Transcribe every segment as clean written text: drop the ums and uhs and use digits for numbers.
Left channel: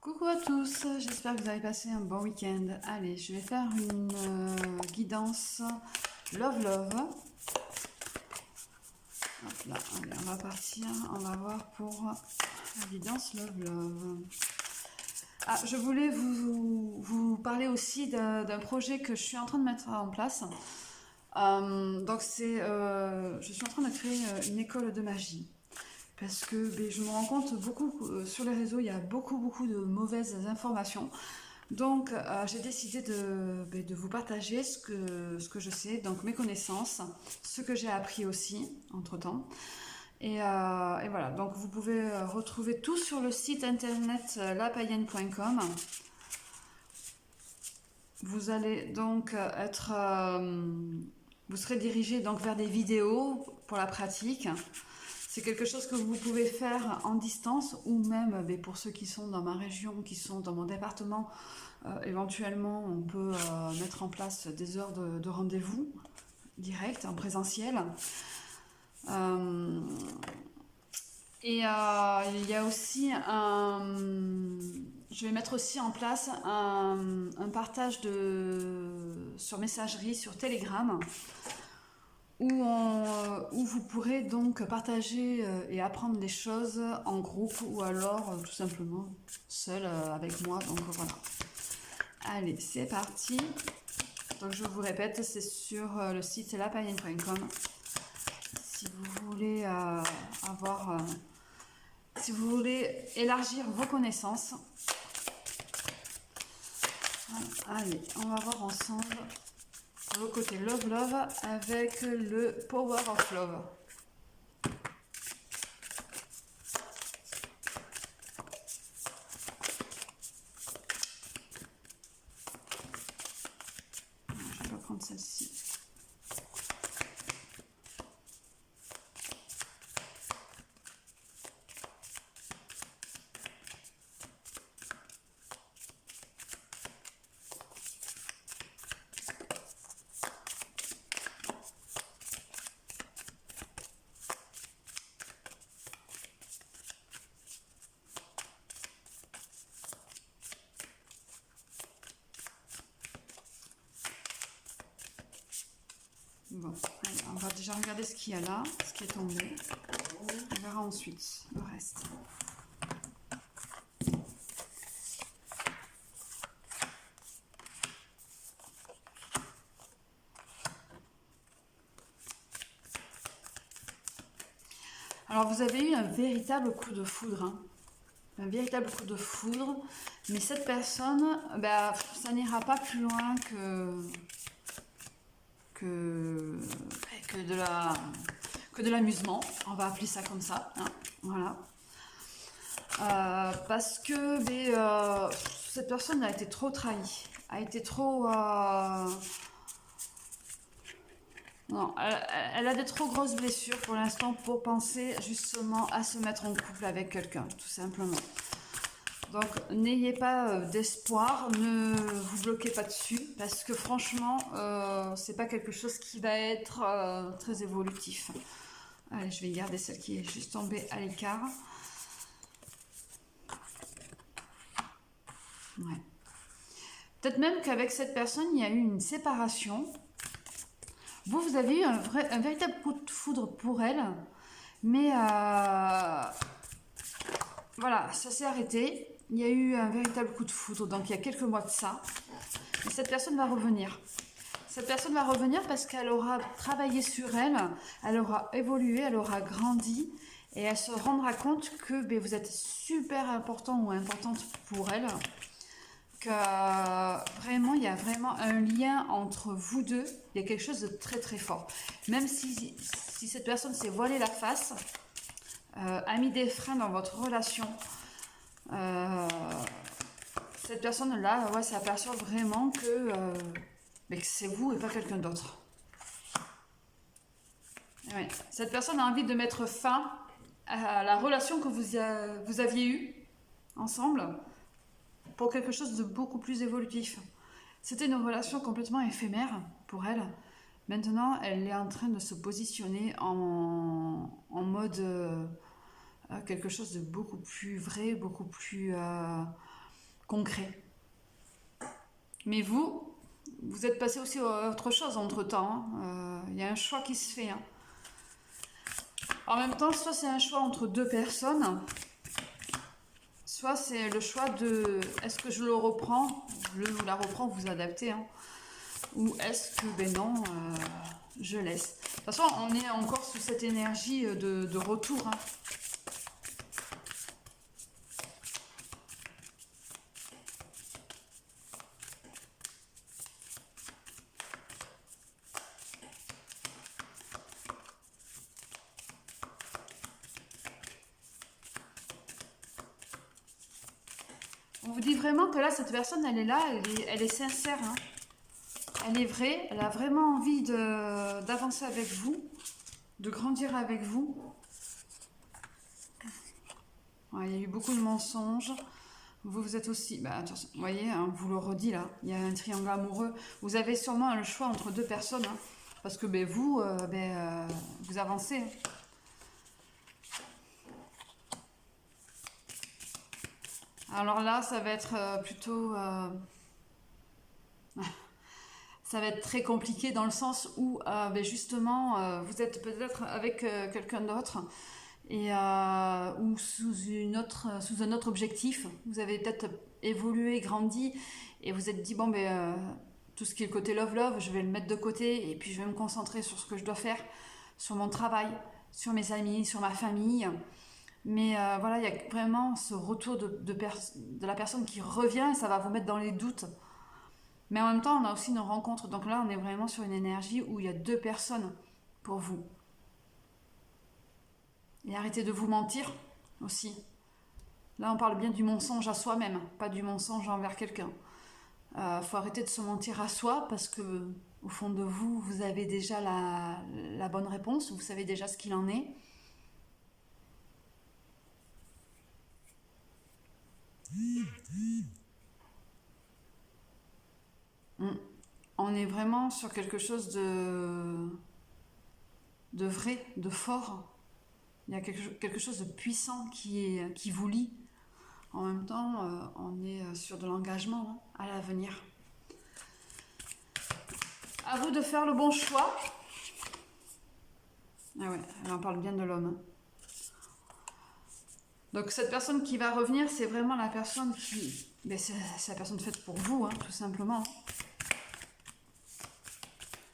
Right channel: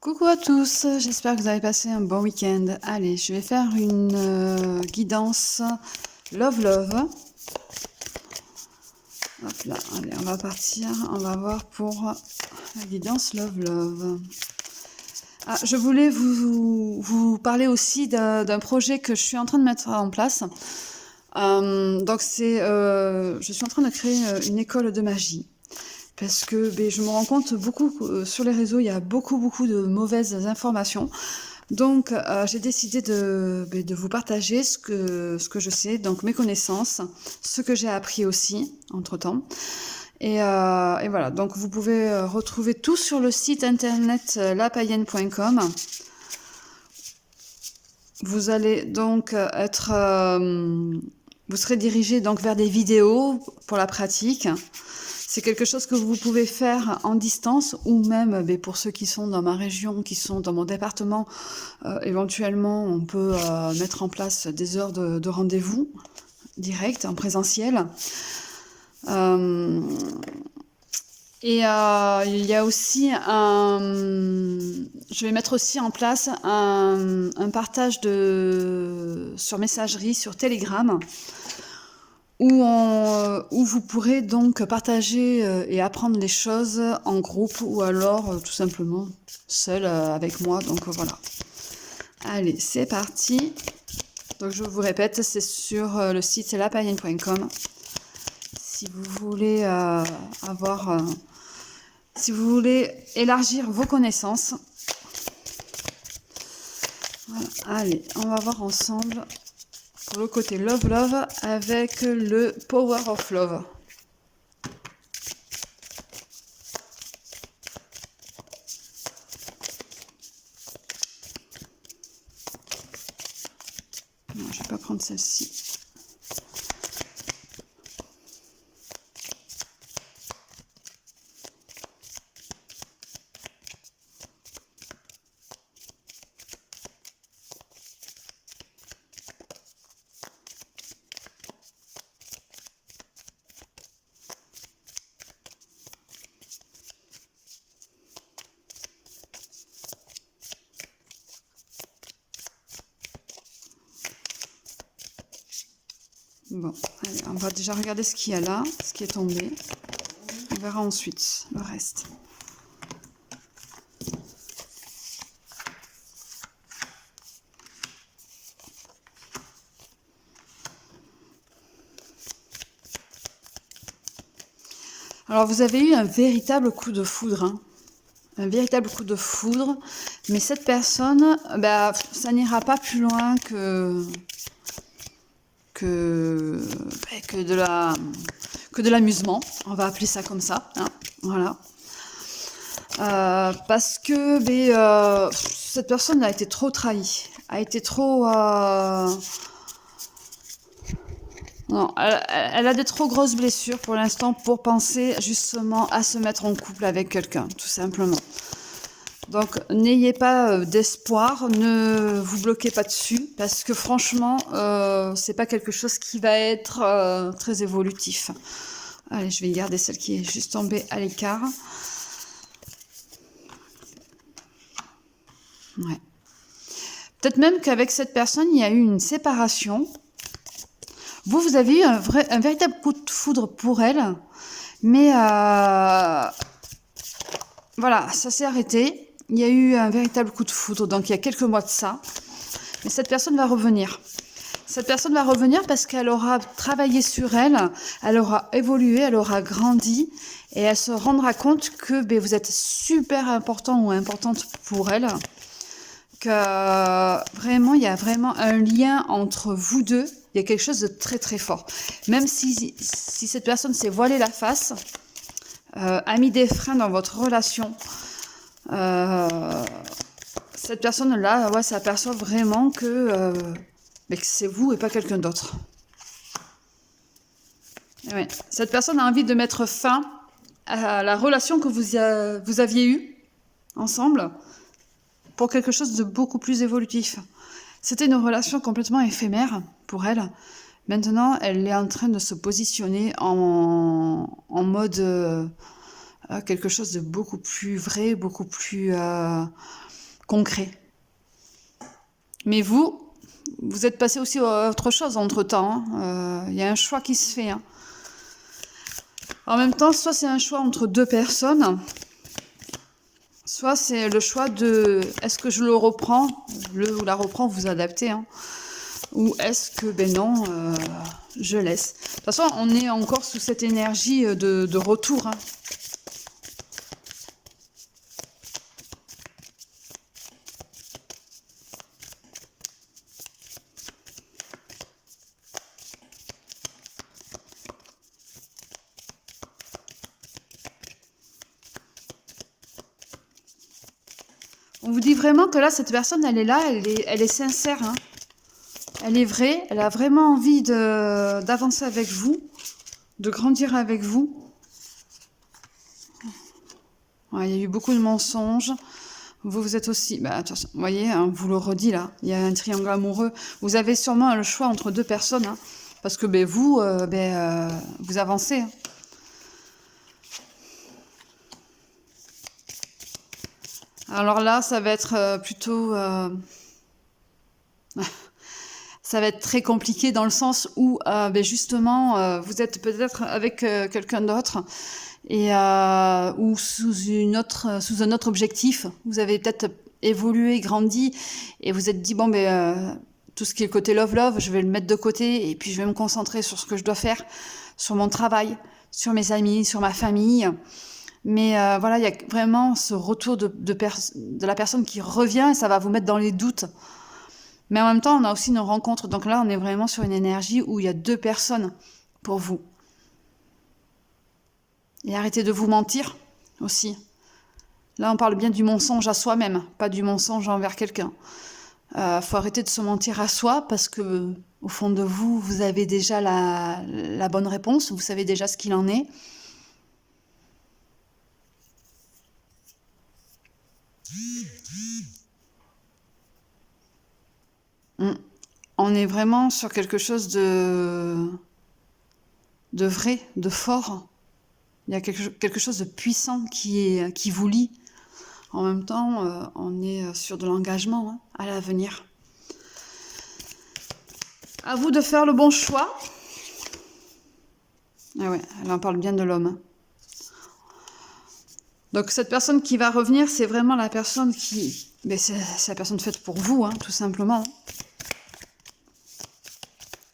Coucou à tous, j'espère que vous avez passé un bon week-end. Allez, je vais faire une guidance Love Love. Hop là, allez, on va partir, on va voir pour la guidance Love Love. Ah, je voulais vous parler aussi d'un projet que je suis en train de mettre en place. Je suis en train de créer une école de magie. Parce que je me rends compte beaucoup sur les réseaux, il y a beaucoup de mauvaises informations. Donc, j'ai décidé de vous partager ce que je sais, donc mes connaissances, ce que j'ai appris aussi entre-temps. Et voilà, donc vous pouvez retrouver tout sur le site internet lapaïenne.com. Vous allez donc vous serez dirigé donc vers des vidéos pour la pratique. C'est quelque chose que vous pouvez faire en distance ou même pour ceux qui sont dans ma région, qui sont dans mon département, éventuellement on peut mettre en place des heures de rendez-vous direct, en présentiel. Euh, il y a aussi je vais mettre aussi en place un partage sur messagerie, sur Telegram, où vous pourrez donc partager et apprendre les choses en groupe ou alors tout simplement seul avec moi. Donc voilà. Allez, c'est parti. Donc je vous répète, c'est sur le site lapaïenne.com. Si vous voulez si vous voulez élargir vos connaissances. Voilà. Allez, on va voir ensemble le côté Love Love avec le Power of Love. Non, je vais pas prendre celle-ci. Bon, allez, on va déjà regarder ce qu'il y a là, ce qui est tombé. On verra ensuite le reste. Alors vous avez eu un véritable coup de foudre, hein. Un véritable coup de foudre, mais cette personne, ça n'ira pas plus loin que, que de l'amusement, on va appeler ça comme ça, hein, voilà. Parce que cette personne a été trop trahie, a été trop... non, elle a des trop grosses blessures pour l'instant pour penser justement à se mettre en couple avec quelqu'un, tout simplement. Donc n'ayez pas d'espoir, ne vous bloquez pas dessus, parce que franchement, c'est pas quelque chose qui va être très évolutif. Allez, je vais garder celle qui est juste tombée à l'écart. Ouais. Peut-être même qu'avec cette personne, il y a eu une séparation. Vous avez eu un véritable coup de foudre pour elle, mais voilà, ça s'est arrêté. Il y a eu un véritable coup de foudre, donc il y a quelques mois de ça. Mais cette personne va revenir. Cette personne va revenir parce qu'elle aura travaillé sur elle, elle aura évolué, elle aura grandi et elle se rendra compte que vous êtes super important ou importante pour elle. Que vraiment, il y a vraiment un lien entre vous deux. Il y a quelque chose de très très fort. Même si cette personne s'est voilée la face, a mis des freins dans votre relation, cette personne-là, ouais, s'aperçoit vraiment que c'est vous et pas quelqu'un d'autre. Ouais. Cette personne a envie de mettre fin à la relation que vous aviez eue ensemble pour quelque chose de beaucoup plus évolutif. C'était une relation complètement éphémère pour elle. Maintenant, elle est en train de se positionner en mode quelque chose de beaucoup plus vrai, beaucoup plus concret. Mais vous êtes passé aussi à autre chose entre-temps. Il y a un choix qui se fait. Hein. En même temps, soit c'est un choix entre deux personnes, soit c'est le choix de est-ce que je le reprends, ou la reprends, vous adaptez, hein, ou est-ce que ben non, je laisse. De toute façon, on est encore sous cette énergie de retour. Hein. On vous dit vraiment que là, cette personne, elle est là, elle est sincère. Hein. Elle est vraie, elle a vraiment envie d'avancer avec vous, de grandir avec vous. Ouais, il y a eu beaucoup de mensonges. Vous êtes aussi... Bah, attention, vous voyez, hein, vous le redis là, il y a un triangle amoureux. Vous avez sûrement le choix entre deux personnes. Hein, parce que ben, vous avancez. Hein. Alors là, ça va être plutôt... ça va être très compliqué dans le sens où, justement, vous êtes peut-être avec quelqu'un d'autre et ou sous un autre objectif. Vous avez peut-être évolué, grandi et vous êtes dit, bon, tout ce qui est le côté love, je vais le mettre de côté et puis je vais me concentrer sur ce que je dois faire, sur mon travail, sur mes amis, sur ma famille. Mais voilà, il y a vraiment ce retour de la personne qui revient et ça va vous mettre dans les doutes. Mais en même temps, on a aussi une rencontre. Donc là, on est vraiment sur une énergie où il y a deux personnes pour vous. Et arrêtez de vous mentir aussi. Là, on parle bien du mensonge à soi-même, pas du mensonge envers quelqu'un. Faut arrêter de se mentir à soi parce que au fond de vous, vous avez déjà la bonne réponse. Vous savez déjà ce qu'il en est. On est vraiment sur quelque chose de vrai, de fort. Il y a quelque chose de puissant qui vous lie. En même temps, on est sur de l'engagement hein, à l'avenir. À vous de faire le bon choix. Ah ouais, elle en parle bien de l'homme. Donc cette personne qui va revenir, c'est vraiment la personne qui... c'est la personne faite pour vous, hein, tout simplement.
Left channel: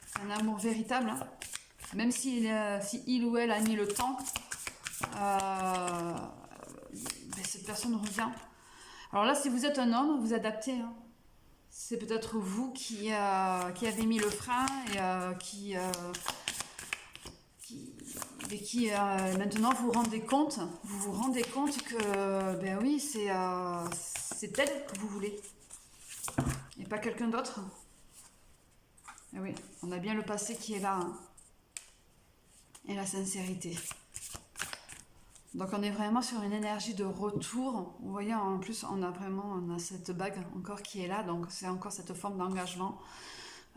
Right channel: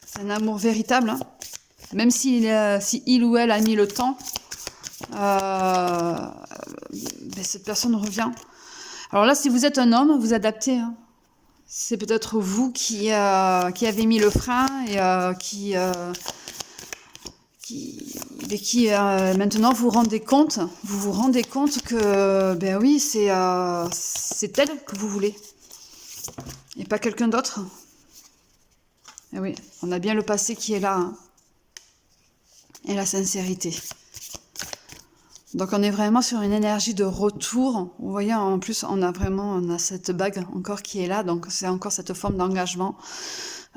C'est un amour véritable. Hein. Même si il ou elle a mis le temps, cette personne revient. Alors là, si vous êtes un homme, vous adaptez. Hein. C'est peut-être vous qui avez mis le frein et qui maintenant vous vous rendez compte que ben oui, c'est elle que vous voulez et pas quelqu'un d'autre. Et oui, on a bien le passé qui est là hein. Et la sincérité. Donc on est vraiment sur une énergie de retour. Vous voyez, en plus on a cette bague encore qui est là, donc c'est encore cette forme d'engagement.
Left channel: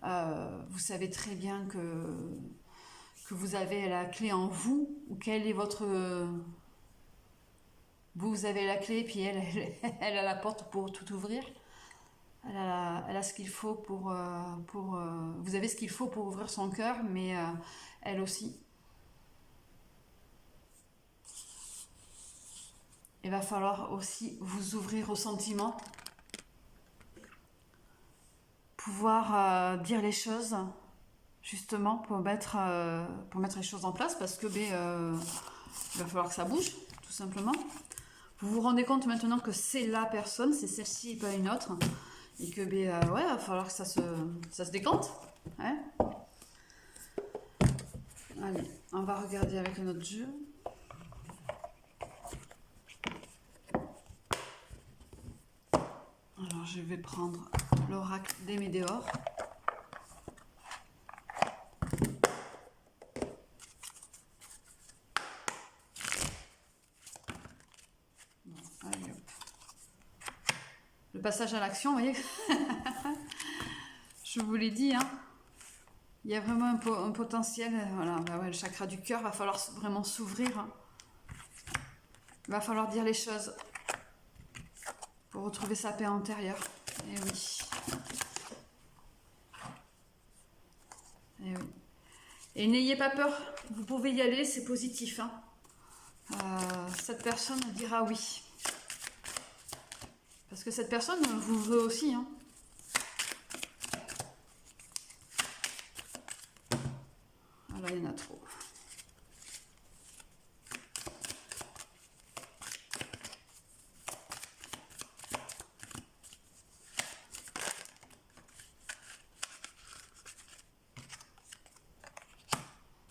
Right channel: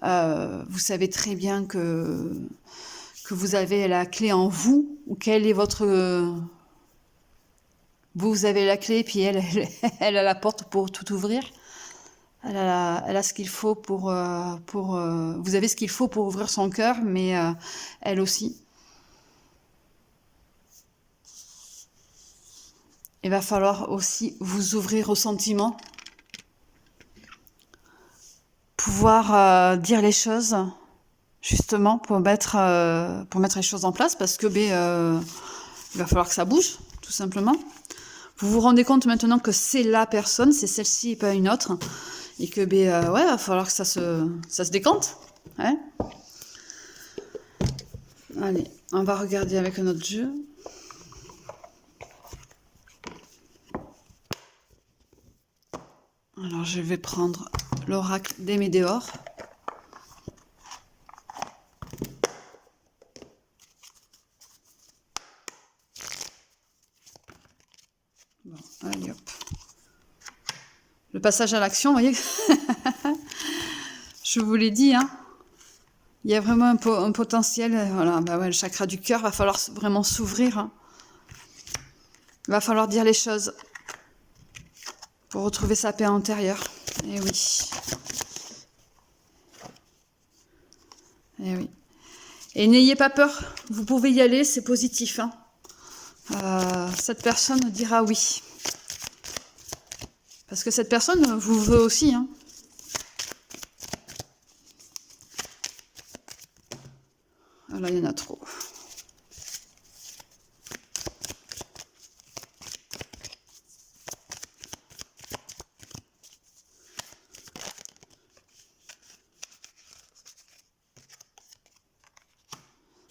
Vous savez très bien que vous avez la clé en vous, ou quelle est votre... Vous avez la clé, puis elle a la porte pour tout ouvrir. Elle a ce qu'il faut pour... vous avez ce qu'il faut pour ouvrir son cœur, mais elle aussi. Il va falloir aussi vous ouvrir au sentiment. Pouvoir dire les choses, justement, pour mettre les choses en place, parce que il va falloir que ça bouge, tout simplement. Vous vous rendez compte maintenant que c'est la personne, c'est celle-ci et pas une autre, et que ouais, va falloir que ça se décante. Hein. Allez, on va regarder avec un autre jeu. Alors je vais prendre l'oracle des Médéors. Bon, allez hop. Le passage à l'action, vous voyez. Je vous l'ai dit, hein. Il y a vraiment un potentiel. Voilà, ouais, le chakra du cœur, va falloir vraiment s'ouvrir. Hein. Il va falloir dire les choses. pour retrouver sa paix intérieure. Et oui. Et oui. Et n'ayez pas peur, vous pouvez y aller, c'est positif. Hein. Cette personne dira oui. Parce que cette personne vous veut aussi. Hein. Là, il y en a trop.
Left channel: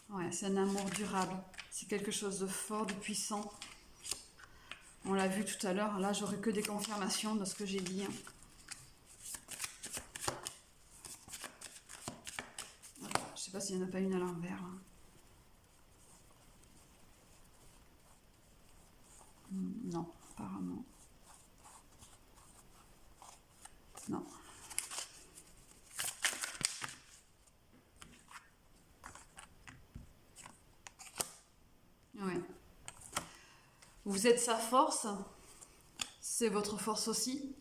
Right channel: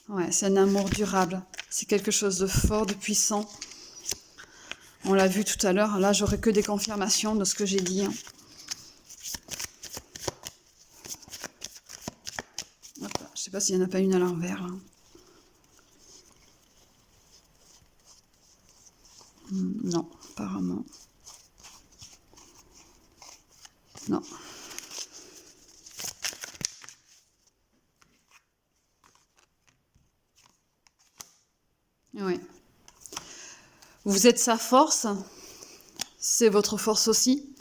Ouais, c'est un amour durable. C'est quelque chose de fort, de puissant. On l'a vu tout à l'heure. Là, j'aurai que des confirmations de ce que j'ai dit. Hein. Je sais pas s'il n'y en a pas une à l'envers. Non, apparemment. Non. Oui. Vous êtes sa force. C'est votre force aussi.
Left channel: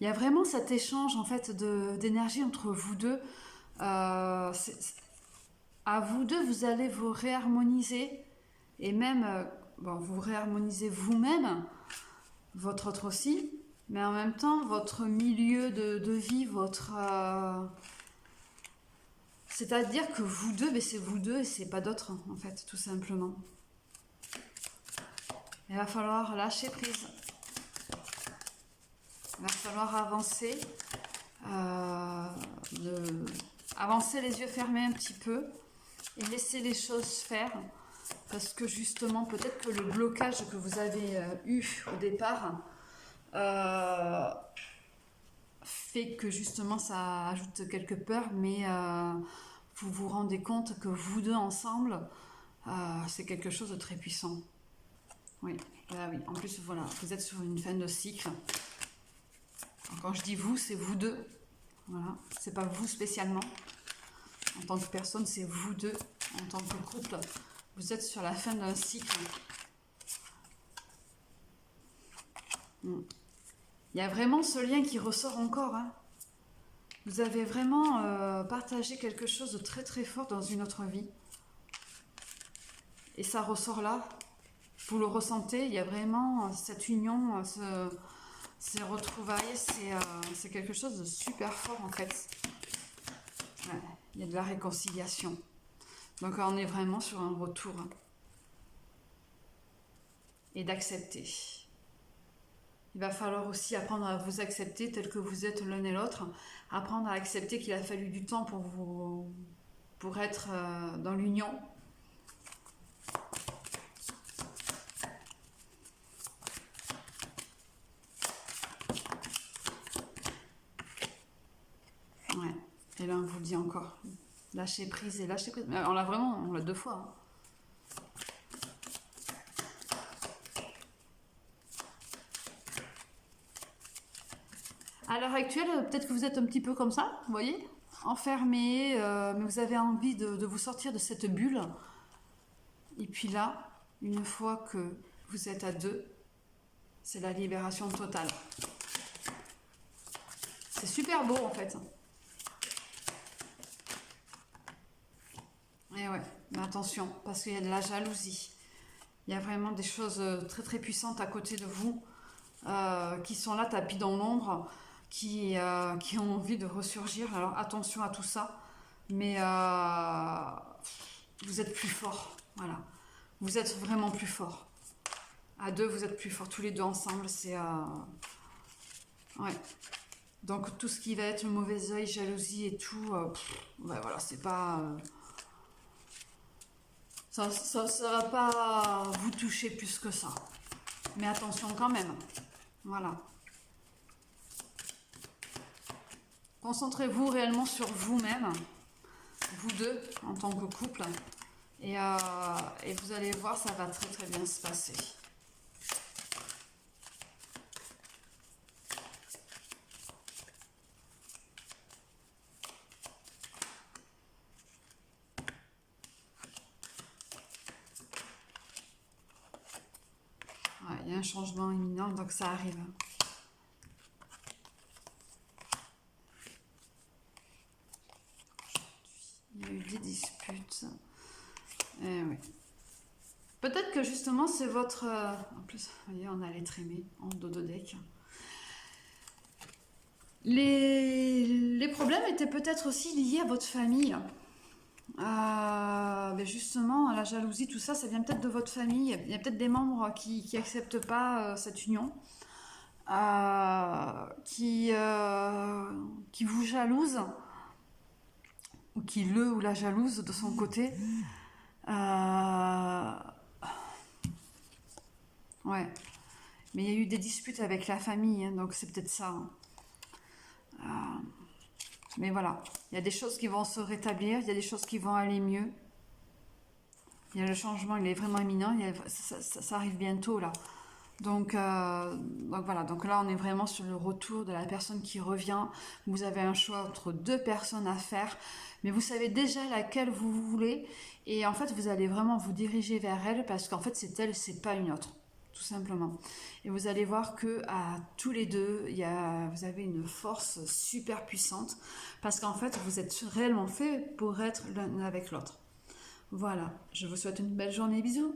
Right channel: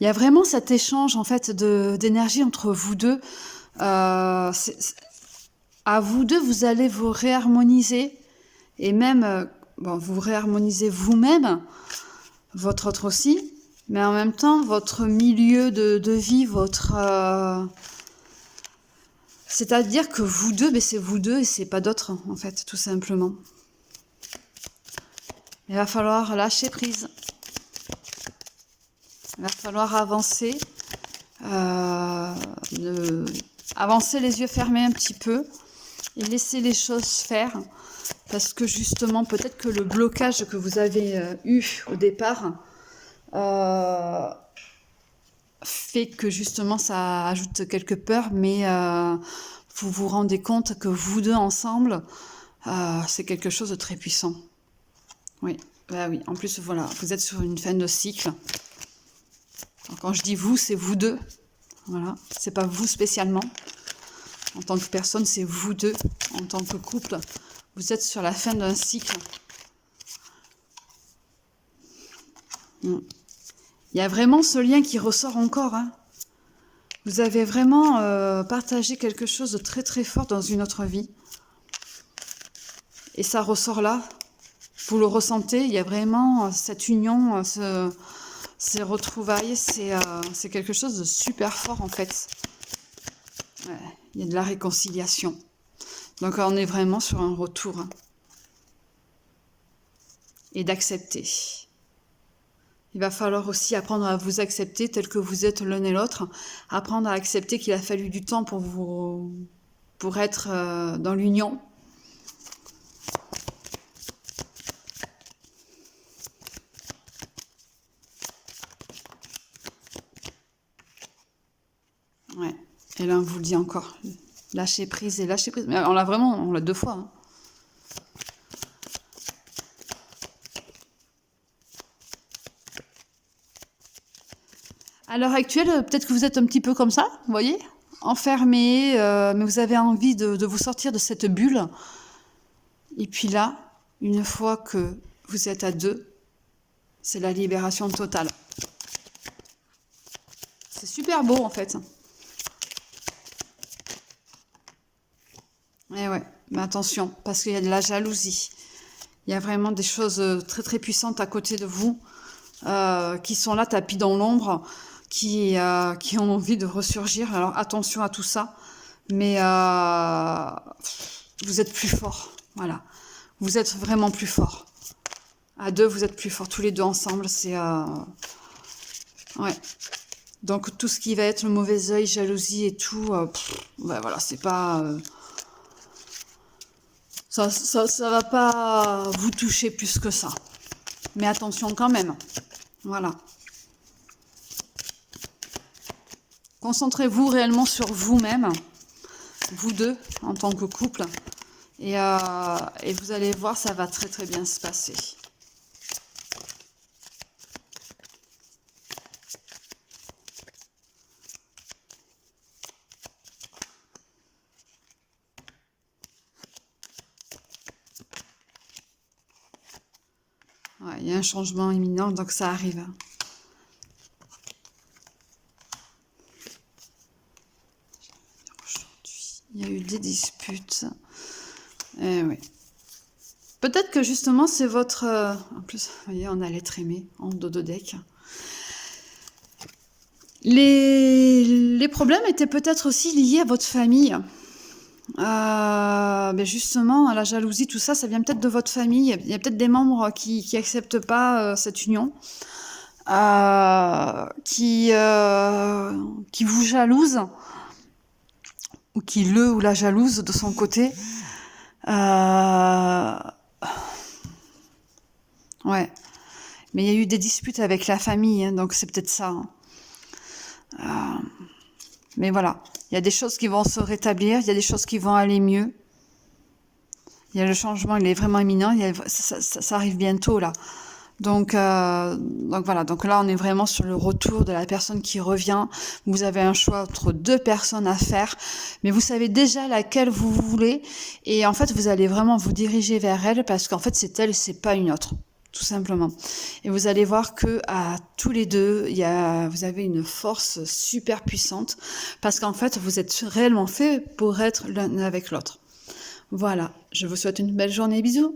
Il y a vraiment cet échange en fait d'énergie entre vous deux. À vous deux, vous allez vous réharmoniser et même bon, vous réharmonisez vous-même, votre autre aussi, mais en même temps votre milieu de vie, votre c'est-à-dire que vous deux, c'est vous deux et c'est pas d'autres en fait, tout simplement. Il va falloir lâcher prise. Il va falloir avancer. Avancer les yeux fermés un petit peu et laisser les choses faire. Parce que justement, peut-être que le blocage que vous avez eu au départ fait que justement ça ajoute quelques peurs, mais vous vous rendez compte que vous deux ensemble, c'est quelque chose de très puissant. Oui, bah oui. En plus, voilà, vous êtes sur une fin de cycle. Quand je dis vous, c'est vous deux. Voilà, c'est pas vous spécialement. En tant que personne, c'est vous deux. En tant que couple, vous êtes sur la fin d'un cycle. Il y a vraiment ce lien qui ressort encore. Hein. Vous avez vraiment partagé quelque chose de très très fort dans une autre vie. Et ça ressort là. Vous le ressentez, il y a vraiment cette union, ces retrouvailles, c'est quelque chose de super fort en fait. Ouais, il y a de la réconciliation. Donc on est vraiment sur un retour. Hein. Et d'accepter. Il va falloir aussi apprendre à vous accepter tel que vous êtes l'un et l'autre. Apprendre à accepter qu'il a fallu du temps pour être dans l'union. Ouais. Et là, on vous le dit encore. Lâcher prise et lâcher prise. Mais on l'a deux fois. Hein. À l'heure actuelle, peut-être que vous êtes un petit peu comme ça, vous voyez, enfermé, mais vous avez envie de vous sortir de cette bulle. Et puis là, une fois que vous êtes à deux, c'est la libération totale. C'est super beau en fait. Et ouais, mais attention, parce qu'il y a de la jalousie. Il y a vraiment des choses très très puissantes à côté de vous qui sont là tapis dans l'ombre, qui ont envie de ressurgir. Alors attention à tout ça, mais vous êtes plus fort. Voilà, vous êtes vraiment plus fort. À deux, vous êtes plus forts. Tous les deux ensemble, c'est ouais. Donc tout ce qui va être le mauvais œil, jalousie et tout, ouais, voilà, c'est pas ça va pas vous toucher plus que ça. Mais attention quand même. Voilà. Concentrez-vous réellement sur vous-même, vous deux, en tant que couple. Et vous allez voir, ça va très très bien se passer. Ouais, il y a un changement imminent, donc ça arrive. Il y a eu des disputes. Eh oui. Peut-être que justement, c'est votre... En plus, vous voyez, on a l'être aimé en dododeck. Les problèmes étaient peut-être aussi liés à votre famille. Ben justement, à la jalousie, tout ça, ça vient peut-être de votre famille. Il y a peut-être des membres qui n'acceptent pas cette union, qui vous jalousent, ou qui le ou la jalouse de son côté. Ouais. Mais il y a eu des disputes avec la famille, hein, donc c'est peut-être ça. Hein. Mais voilà, il y a des choses qui vont se rétablir, il y a des choses qui vont aller mieux. Il y a le changement, il est vraiment imminent, ça arrive bientôt là. Donc voilà, donc là on est vraiment sur le retour de la personne qui revient. Vous avez un choix entre deux personnes à faire, mais vous savez déjà laquelle vous voulez. Et en fait, vous allez vraiment vous diriger vers elle parce qu'en fait, c'est elle, c'est pas une autre. Tout simplement. Et vous allez voir que à tous les deux, vous avez une force super puissante parce qu'en fait, vous êtes réellement fait pour être l'un avec l'autre. Voilà, je vous souhaite une belle journée, bisous.